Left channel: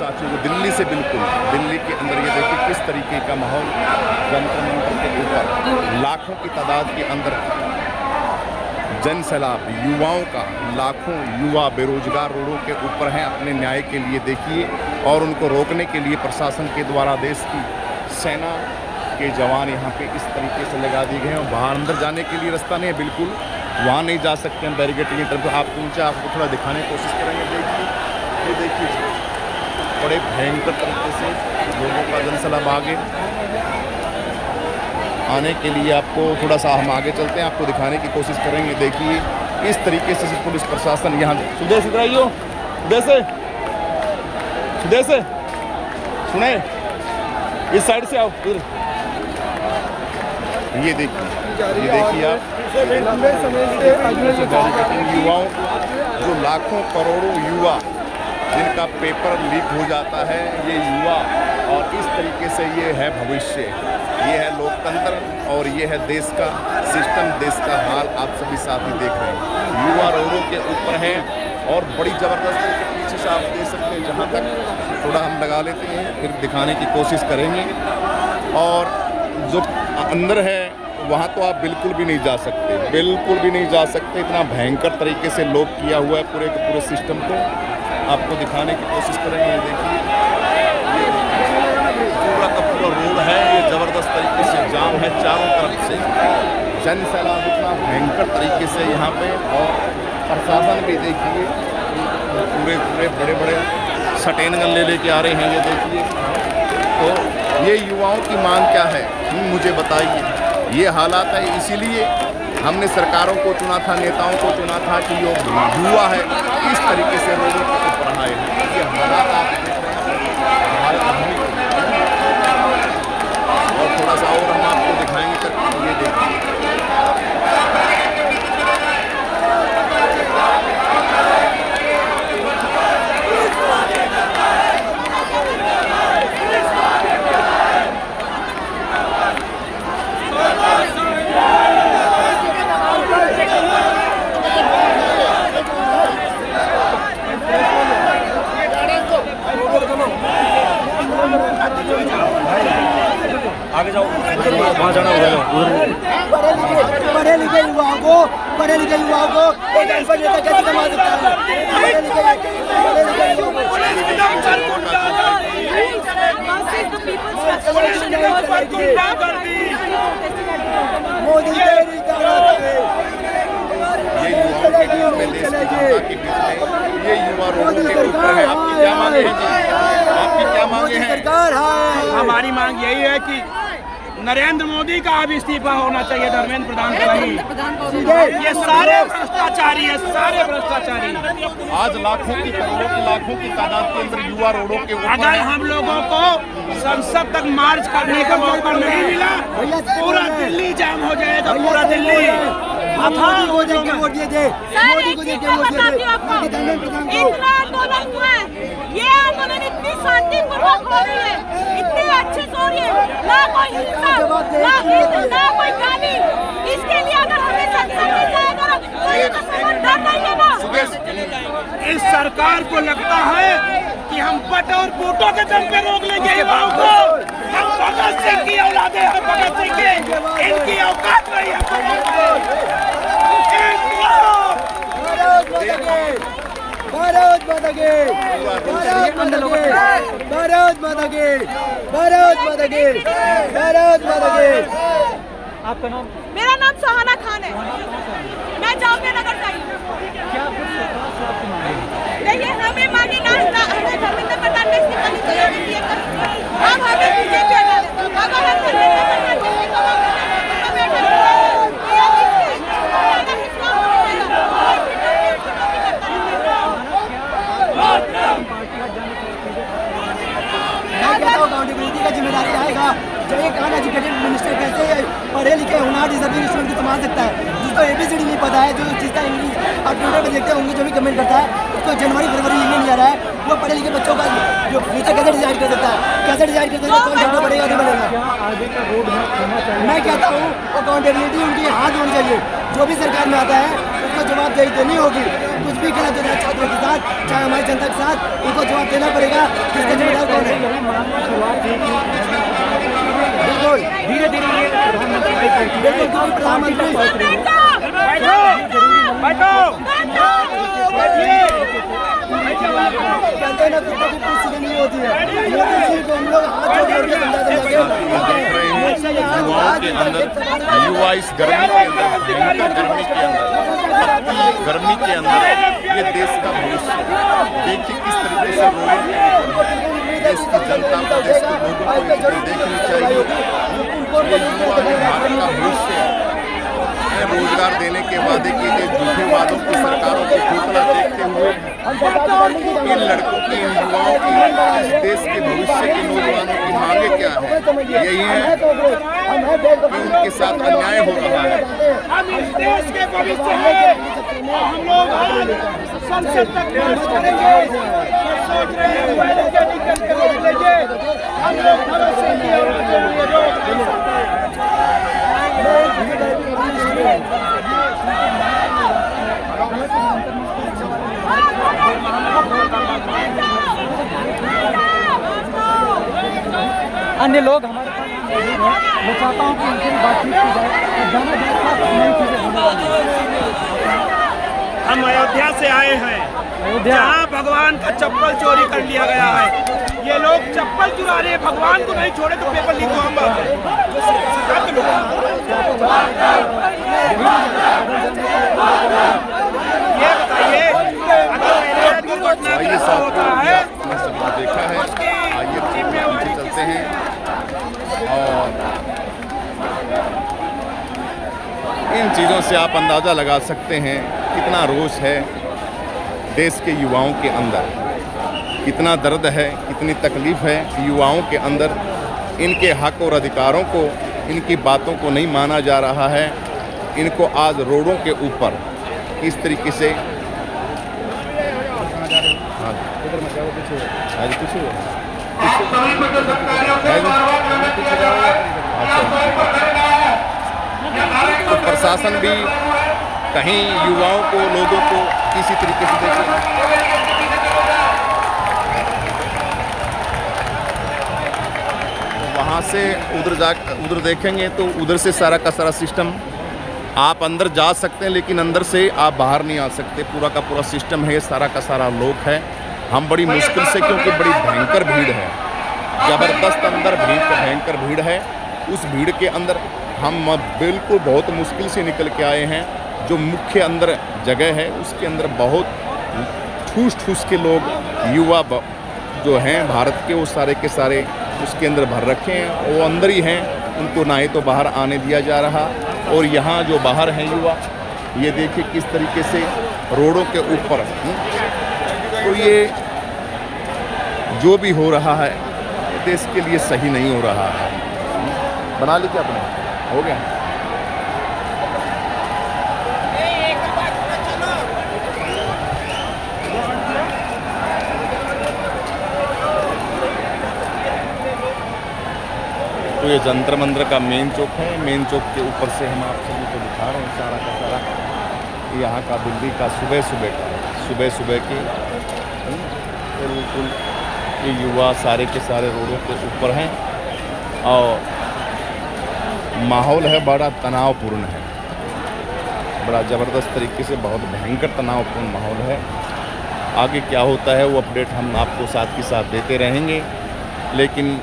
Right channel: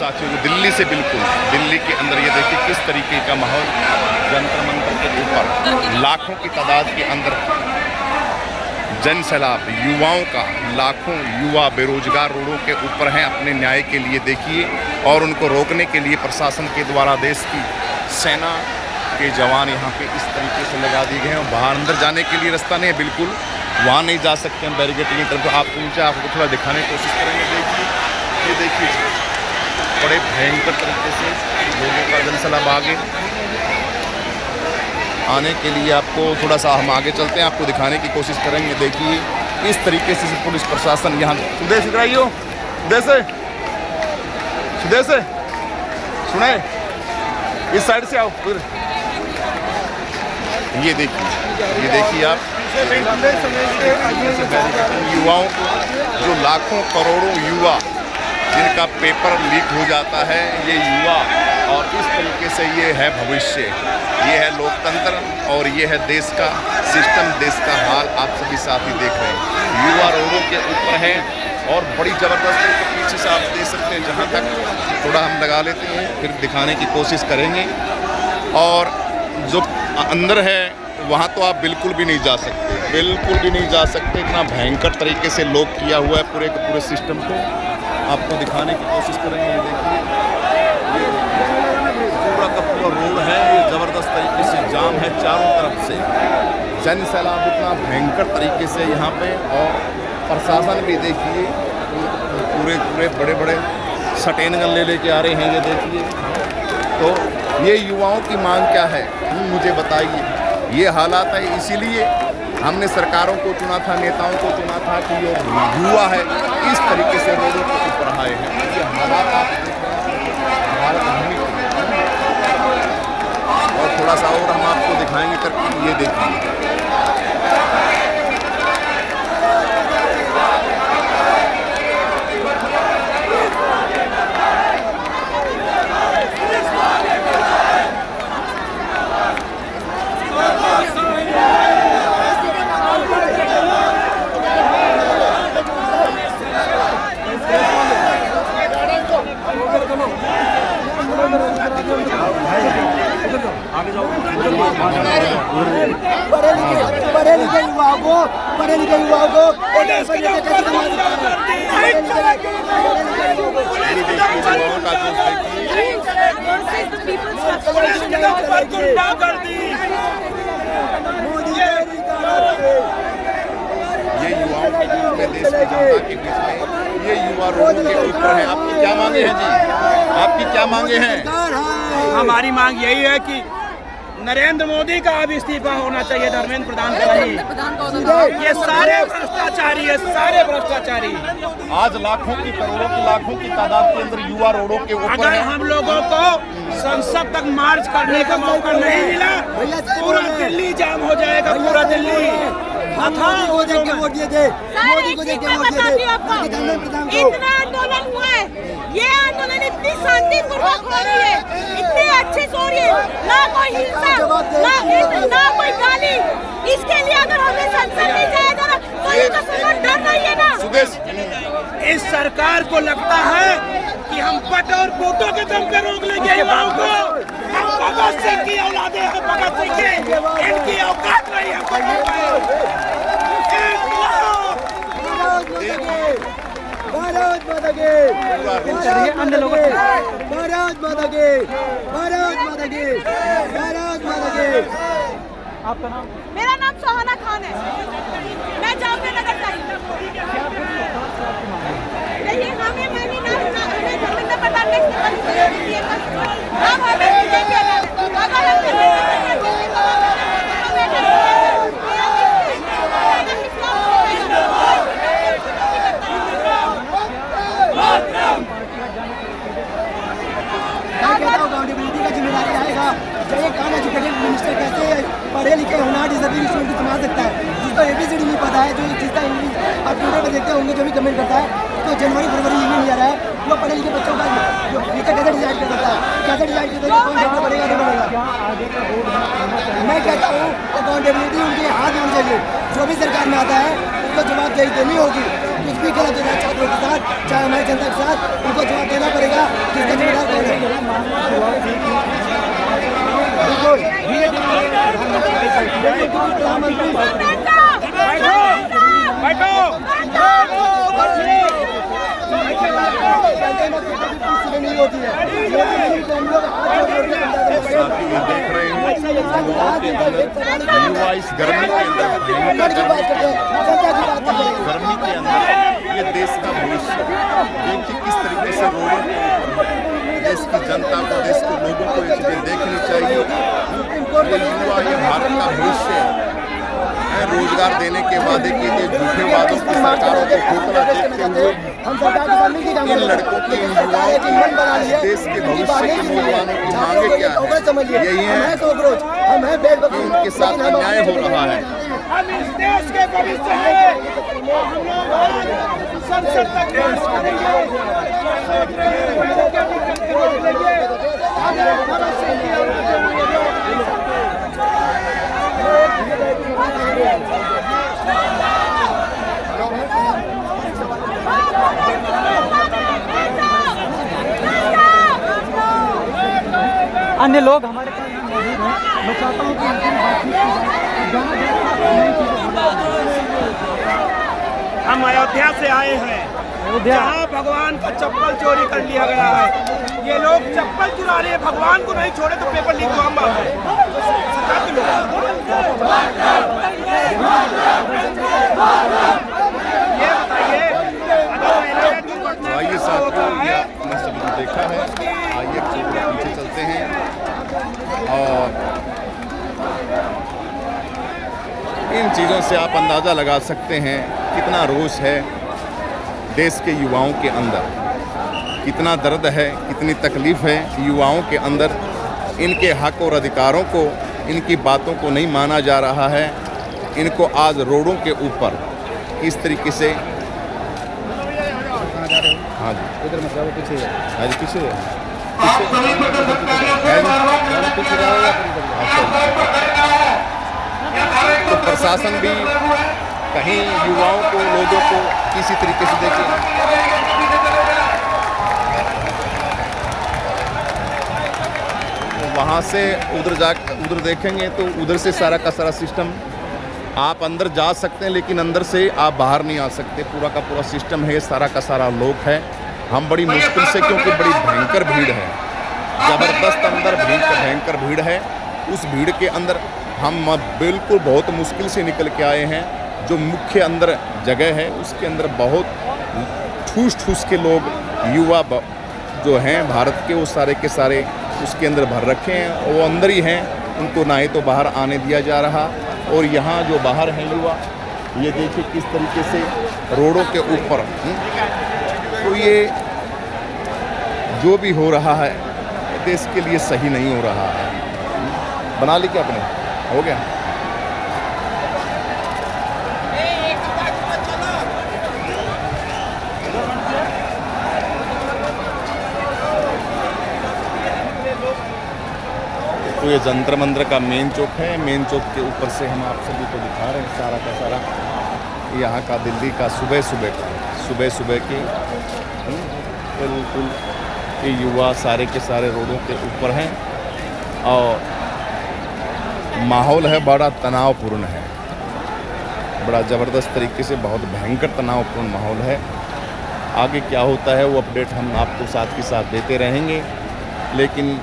साथियों को दिल्ली से बिल्कुल दिल्ली के अंदर ये देखिए किस तरीके का माहौल, जंतर मंतर के ऊपर लाखों की तादाद के अंदर जन सैलाब, युवाओं का, लाखों युवा बेरोजगार रोडों के ऊपर हैं अपने न्याय के लिए देखिए। और उनको रोकने के लिए प्रशासन के द्वारा देश की सेना के जवान यहाँ पे इस तरीके से लगा दिए गए हैं। बाहर अंदर जाने के लिए रास्ता नहीं है, बिल्कुल वहाँ नहीं जा सकते हम बैरिकेड की तरफ। आपको नीचे आपको थोड़ा दिखाने की कोशिश करेंगे। देखिए ये देखिए बड़े भयंकर तरीके से लोगों का जनसैलाब आगे आने के लिए आपको थोड़ा सा हम आगे चलते हैं, आपको दिखाने की कोशिश करेंगे। देखिए इस तरीके से पुलिस प्रशासन यहाँ सुदेश इधराइयो सुदेश से सुने इस साइड से आओ। ये देखिए आप युवाओं को, जो लाखों करोड़ों युवा जिनका पेपर लीक हो जाता है, ये युवा, और इस तरीके से ये है भविष्य, ये है लोकतंत्र और ये है देश का सिस्टम, देश का हाल आप सभी साथी देख रहे हैं। युवा रोडों के ऊपर हैं और बड़ी ज़बरदस्त पीछे से आप देख सकते हैं। जहाँ तक थोड़ा हम लगा लेते हैं फिर दिखाने की कोशिश करेंगे। और जो अंदर है वहाँ तो आप बिल्कुल भी नहीं जा सकते, बिल्कुल भी नहीं जा सकते। इतना भयंकर तरीके से लॉक किया हुआ है पूरे के पूरे सिस्टम को, आपको दिखाने की कोशिश करेंगे। देखिए पूरा का पूरा रोड है, ये ज़बरदस्त तरीके से जाम है चारों तरफ से। जन सैलाब इतना भयंकर तरीके से यहाँ पे, और प्रशासन भी देखिए पूरे बड़े बड़े सटेन गन ले के आ रहे हैं। ये देखिए, तो ये युवाओं की मांग क्या है मुझे बताइए। ये हालात है, इसीलिए हमने सरकारों को चुना था, नेताओं को चुना था कि जो युवा है इस तरीके से रोडों के ऊपर आए हैं। ये हालात आप और थोड़ा सा और हम आपको दिखाएंगे करके। ये देखिए पढ़े लिखे युवाओं को कैसे कमा सकता ये युवाओं के बीच में, देश की जनता के बीच में ये युवा रोडों के ऊपर है। आपकी क्या मांगे हैं जी? आपकी क्या मांगे हैं? हमारी मांग यही है कि नरेंद्र मोदी का अब इस्तीफा होना चाहिए, धर्मेंद्र प्रधान का नहीं। ये सारे भ्रष्टाचारी है, सारे भ्रष्टाचारी। आज लाखों की, करोड़ों की, लाखों की तादाद के अंदर युवा रोडों के ऊपर। अगर हम लोगों को संसद तक मार्च करने का मौका नहीं मिला, पूरा दिल्ली जाम हो जाएगा, पूरा दिल्ली। मोदी को देख के वोट दिए थे, मोदी को देख के वोट दिए थे। इतना आंदोलन हुआ है, ये आंदोलन इतनी शांतिपूर्वक हो रही है, इतने अच्छे से हो रही है, ना कोई हिंसा, ना कोई गाली। इसके लिए अगर हमें संसद नहीं जाएगा तो ये तो समझ डर रही है ना। इस सरकार को लगता है कि हम पट और फोटो के दम पे रोक लेंगे युवाओं को। हम भगत सिंह की औलादे हैं, भगत सिंह के, इनकी औकात नहीं है। भारत माता की, भारत माता की, भारत माता की, भारत माता की। आपका नाम? मेरा नाम सोहाना खान है, मैं जामिया नगर से आई हूँ। क्या कुछ सरकार से आपको मांगे? देखिए हमें मांगे ना धर्मेंद्र प्रधान ने का जिम्मेदारी रहेगा। जब एक कौन एजुकेटेड मिनिस्टर कैसे पढ़े लिखे होना डिसेबल स्टूडेंट की संभाल सकता है, जिसको ABCD नहीं पता है, जो जिसका इंग्लिश आप ट्विटर पर देखते होंगे जो भी कमेंट करता है, उसको जनवरी फरवरी ये नहीं आ रहा है। वो पढ़े लिखे बच्चों का जो फ्यूचर कैसे डिसाइड कर सकता है, कैसे डिसाइड कर सकता है कौन देखना पड़ेगा नहीं पड़ेगा। मैं कहता हूँ अकाउंटेबिलिटी उनके हाथ होनी चाहिए। जो भी सरकार में आता है उसको जवाब देनी होगी। कुछ भी गलत होता है छात्रों के साथ, चाहे हमारी जनता के साथ, उनको जवाब देना पड़ेगा। जिसका जिम्मेदार कौन है? बिल्कुल प्रधानमंत्री साथ ही ये देख रहे हैं युवाओं के अंदर, युवा इस गर्मी के अंदर, भयंकर गर्मी के अंदर ये देश का भविष्य। देखिए किस तरीके से रोडों के ऊपर देश की जनता को, देश के लोगों को ये चीजें देखनी चाहिए। ये युवा ही भारत का भविष्य है। रोजगार देने के वादे किए गए झूठे वादों की सरकारों को खोखला देखते हुए इन लड़कों की, इन युवाओं की, इस देश के भविष्य के नौजवानों की मांगे क्या है? यही है कि उनके साथ अन्याय हो रहा है। देश के भविष्य है, हम लोग संसद तक करेंगे, अन्य लोग हमारे पास मौजूद हैं। मैं चाहता हूँ कि उनसे बातचीत की जाए। हम अयोध्या से आए हैं, जहाँ भगवान का चप्पल चोरी कर लिया गया है। ये लोग चप्पल चुरा रहे हैं, भगवान को नहीं छोड़े तो पेपर लीक हम बात करें। सरकार के लोग ये बताइए। तो आइए साथियों, ये आपने सभी देखा है। आइए पीछे चलते हैं और इन चीज़ों से आप अंदाज़ा लगा सकते हैं कितना रोष है देश के युवाओं के अंदर, कितना दर्द है, कितनी तकलीफ़ है युवाओं के अंदर। इनके हक और अधिकारों को, इनकी बातों को नहीं माना जा रहा है। इनको आज रोडों के ऊपर इस तरीके से, हाँ जी, तो प्रशासन भी कहीं युवाओं को, लोगों को किसी तरीके से देखे। वहाँ से उधर देखेंगे तो उधर से सारा का सारा सिस्टम, आप अंदर जा सकते हैं लेकिन अंदर से आप बाहर नहीं आ सकते। पूरा का पूरा सिस्टम है, सारा का सारा लोग है। हम बड़ी मुश्किल से, क्योंकि बड़ी भयंकर भीड़ है, ज़बरदस्त अंदर भयंकर भीड़ है। उस भीड़ के अंदर हम बिल्कुल बहुत मुश्किल से निकल के आए हैं। जो मुख्य अंदर जगह है उसके अंदर बहुत ठूस के लोग, युवा जो हैं भारत के, वो सारे के सारे उसके अंदर भर रखे हैं। वो अंदर ही हैं, उनको ना ही तो बाहर आने दिया जा रहा। और यहाँ जो बाहर हैं युवा, ये देखिए किस तरीके से रोडों के ऊपर। तो ये जो भी हो रहा है देश के लिए सही नहीं हो रहा है। बना ली क्या अपने? हो गया। तो ये जंतर मंतर का मेन चौक है। मेन चौक के ऊपर से हम आप सभी को दिखा रहे हैं सारा का सारा यहाँ का, दिल्ली का सुबह सुबह के बिल्कुल ये युवा सारे के सारे रोडों के ऊपर हैं। और माहौल है बड़ा तनावपूर्ण है, बड़ा ज़बरदस्त तरीके से, बहुत भयंकर तनावपूर्ण माहौल है। आगे क्या होता है वो अपडेट हम आपको साथ के साथ देते रहेंगे। लेकिन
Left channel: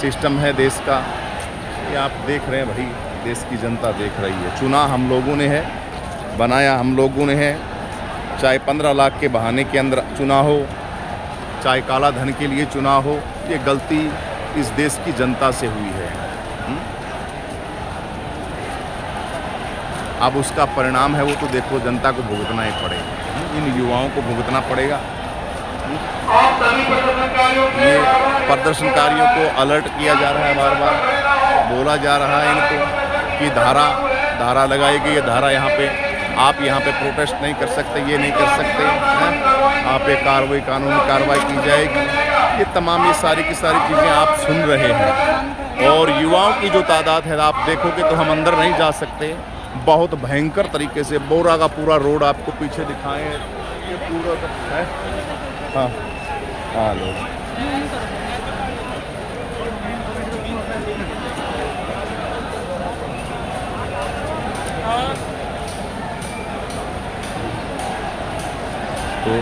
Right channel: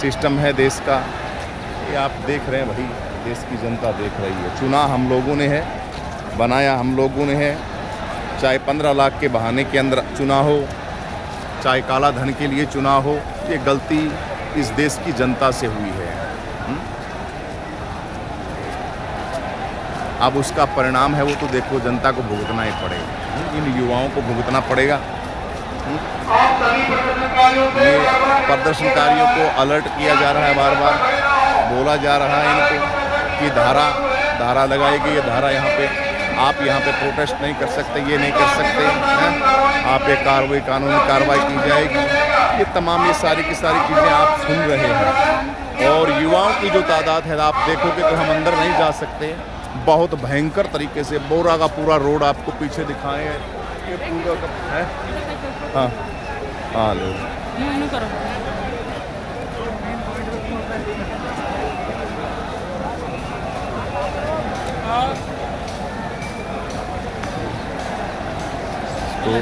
सिस्टम है देश का, ये आप देख रहे हैं भाई, देश की जनता देख रही है। चुना हम लोगों ने है, बनाया हम लोगों ने है। चाहे 15 लाख के बहाने के अंदर चुना हो, चाहे काला धन के लिए चुना हो, ये गलती इस देश की जनता से हुई है। अब उसका परिणाम है वो तो देखो, जनता को भुगतना ही पड़ेगा, इन युवाओं को भुगतना पड़ेगा। ये प्रदर्शनकारियों को अलर्ट किया जा रहा है, बार बार बोला जा रहा है इनको कि धारा लगाई गई है, धारा यहाँ पे आप यहाँ पे प्रोटेस्ट नहीं कर सकते, ये नहीं कर सकते हैं, आप पे कार्रवाई, कानूनी कार्रवाई की जाएगी। ये तमाम ये सारी की सारी चीज़ें आप सुन रहे हैं। और युवाओं की जो तादाद है आप देखोगे तो हम अंदर नहीं जा सकते, बहुत भयंकर तरीके से बोरा का पूरा रोड आपको पीछे दिखाएं, ये पूरा का है। हाँ हाँ ले तो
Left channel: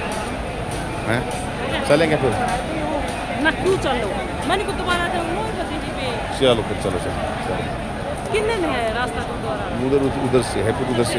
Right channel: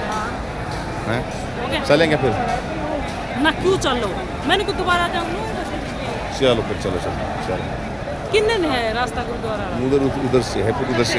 हैं चलेंगे फिर। ना क्यों चलो, मैंने को दोबारा चलो फिर चलो चलो चलो किन्ने ने है रास्ता गुरुद्वारा उधर उधर से है फिर उधर से